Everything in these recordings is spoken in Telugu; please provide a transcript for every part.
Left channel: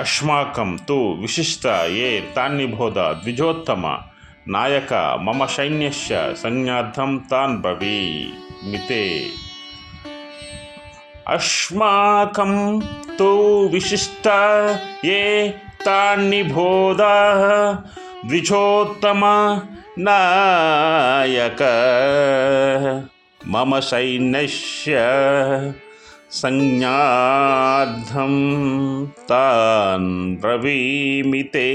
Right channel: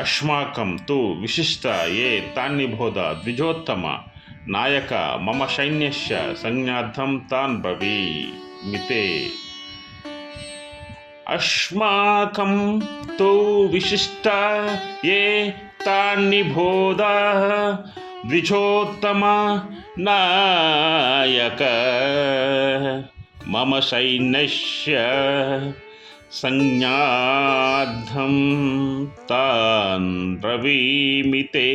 అస్మాకం తు విశిష్ట ఏ తాన్నిబోధ ద్విజోత్తమ నాయక మమ సైన్యస్య సంజ్ఞార్థం తాన్ బ్రవీమితే. అస్మాకం తు విశిష్ట ఏ తాన్నిబోధ ద్విజోత్తమ నాయక మమ సైన్యస్య సంజ్ఞార్థం తాన్ బ్రవీమితే.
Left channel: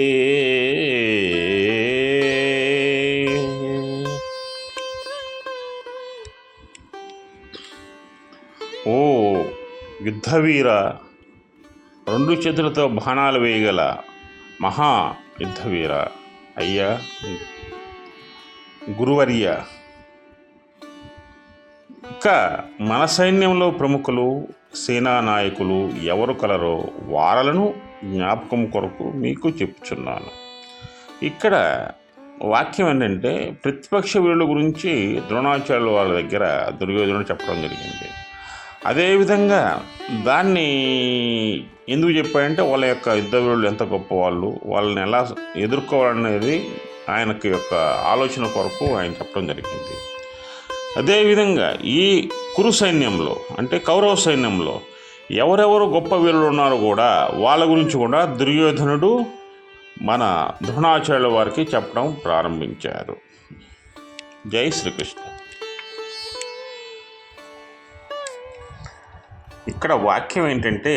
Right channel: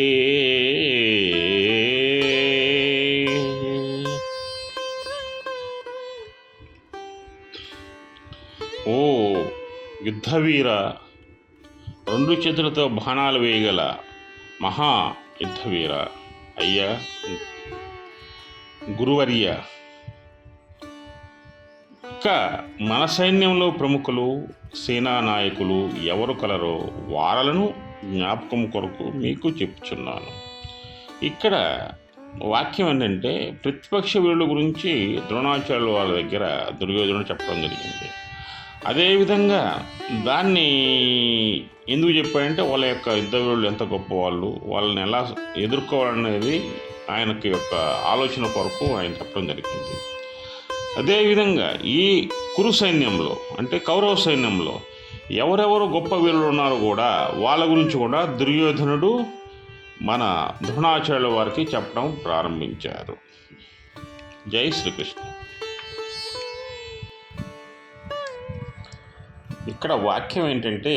ఓ యుద్ధవీర, రెండు చేతులతో బాణాలు వేయగల మహా యుద్ధవీర, అయ్యా గురువర్య, ఇంకా మన సైన్యంలో ప్రముఖులు సేనానాయకులు ఎవరు కలరో వారలను జ్ఞాపకం కొరకు మీకు చెప్తున్నాను. ఇక్కడ వాక్యం ఏంటంటే ప్రతిపక్ష వీరుల గురించి ద్రోణాచార్యుల వాళ్ళ దగ్గర దుర్యోధనుడు చెప్పడం జరిగింది. అదేవిధంగా దాన్ని ఎందుకు చెప్పాడంటే వాళ్ళ యొక్క యుద్ధ వీరులు ఎంత గొప్పవాళ్ళు, వాళ్ళని ఎలా ఎదుర్కోవాలనేది ఆయనకి యొక్క ఆలోచన కొరకు ఆయన చెప్పడం జరిగింది. అదేవిధంగా ఈ కురు సైన్యంలో అంటే కౌరవ సైన్యంలో ఎవరెవరు గొప్ప వీరులు ఉన్నారో కూడా వాళ్ళ గురించి కూడా దుర్యోధనుడు మన ద్రోణాచార్యుల వారికి చెప్పడం ప్రారంభించారు. జై శ్రీకృష్ణ. ఇక్కడ వాక్యం ఏంటంటే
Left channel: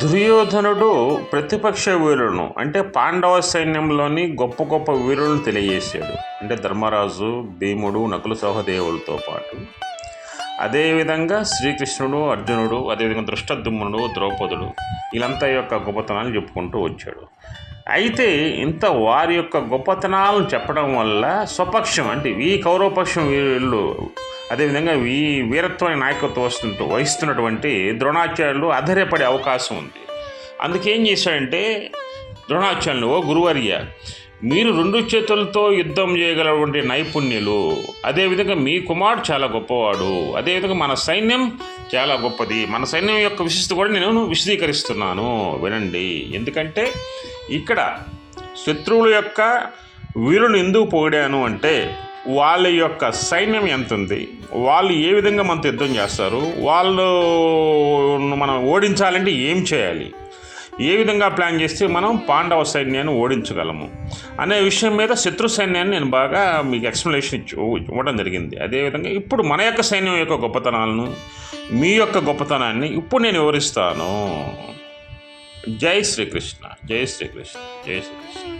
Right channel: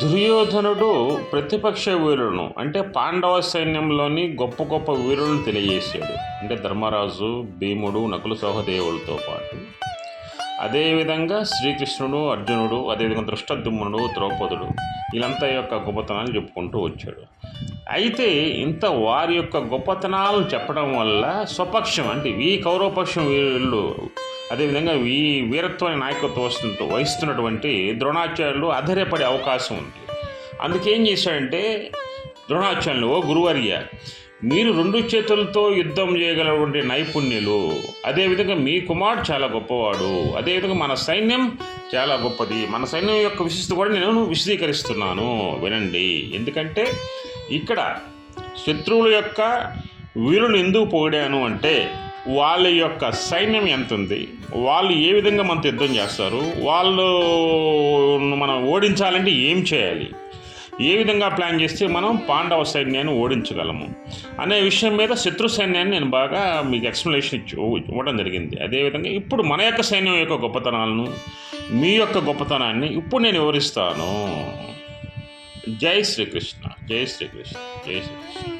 దుర్యోధనుడు ప్రతిపక్ష వీరులను అంటే పాండవ సైన్యంలోని గొప్ప గొప్ప వీరులను తెలియజేశాడు. అంటే ధర్మరాజు, భీముడు, నకుల సహదేవులతో పాటు అదేవిధంగా శ్రీకృష్ణుడు, అర్జునుడు, అదేవిధంగా దృష్టద్యుమ్నుడు, ద్రౌపదుడు వీళ్ళంతా యొక్క గొప్పతనాలు చెప్పుకుంటూ వచ్చాడు. అయితే ఇంత వారి యొక్క గొప్పతనాలను చెప్పడం వల్ల స్వపక్షం అంటే ఈ కౌరవపక్షం వీళ్ళు అదేవిధంగా ఈ వీరత్వాన్ని నాయకత్వం వహిస్తున్నటువంటి ద్రోణాచార్యులు అధైర్యపడే అవకాశం ఉంది. అందుకేం చేశాడంటే ద్రోణాచార్యులు, ఓ గురువర్య, మీరు రెండు చేతులతో యుద్ధం చేయగలటువంటి నైపుణ్యులు, అదేవిధంగా మీ కుమారుడు చాలా గొప్పవాడు, అదేవిధంగా మన సైన్యం చాలా గొప్పది, మన సైన్యం యొక్క విశిష్టత కూడా నేను విశదీకరిస్తున్నాను వినండి. ఎందుకంటే ఇక్కడ శత్రువుల యొక్క వీరులను ఎందుకు పొగిడాను అంటే వాళ్ళ యొక్క సైన్యం ఎంత ఉంది, వాళ్ళు ఏ విధంగా మనతో యుద్ధం చేస్తారు, వాళ్ళు మనం ఓడించాలంటే ఏం చేయాలి, ఏ విధంగా ప్లాన్ చేస్తే మనం పాండవ సైన్యాన్ని ఓడించగలము అనే విషయం మీద శత్రు సైన్యాన్ని నేను బాగా మీకు ఎక్స్ప్లెనేషన్ ఇవ్వడం జరిగింది. అదేవిధంగా ఇప్పుడు మన యొక్క సైన్యం యొక్క గొప్పతనాలను, మీ యొక్క గొప్పతనాన్ని ఇప్పుడు నేను వివరిస్తాను. జై శ్రీకృష్ణ, జై శ్రీకృష్ణ, జై శ్రీకృష్ణ.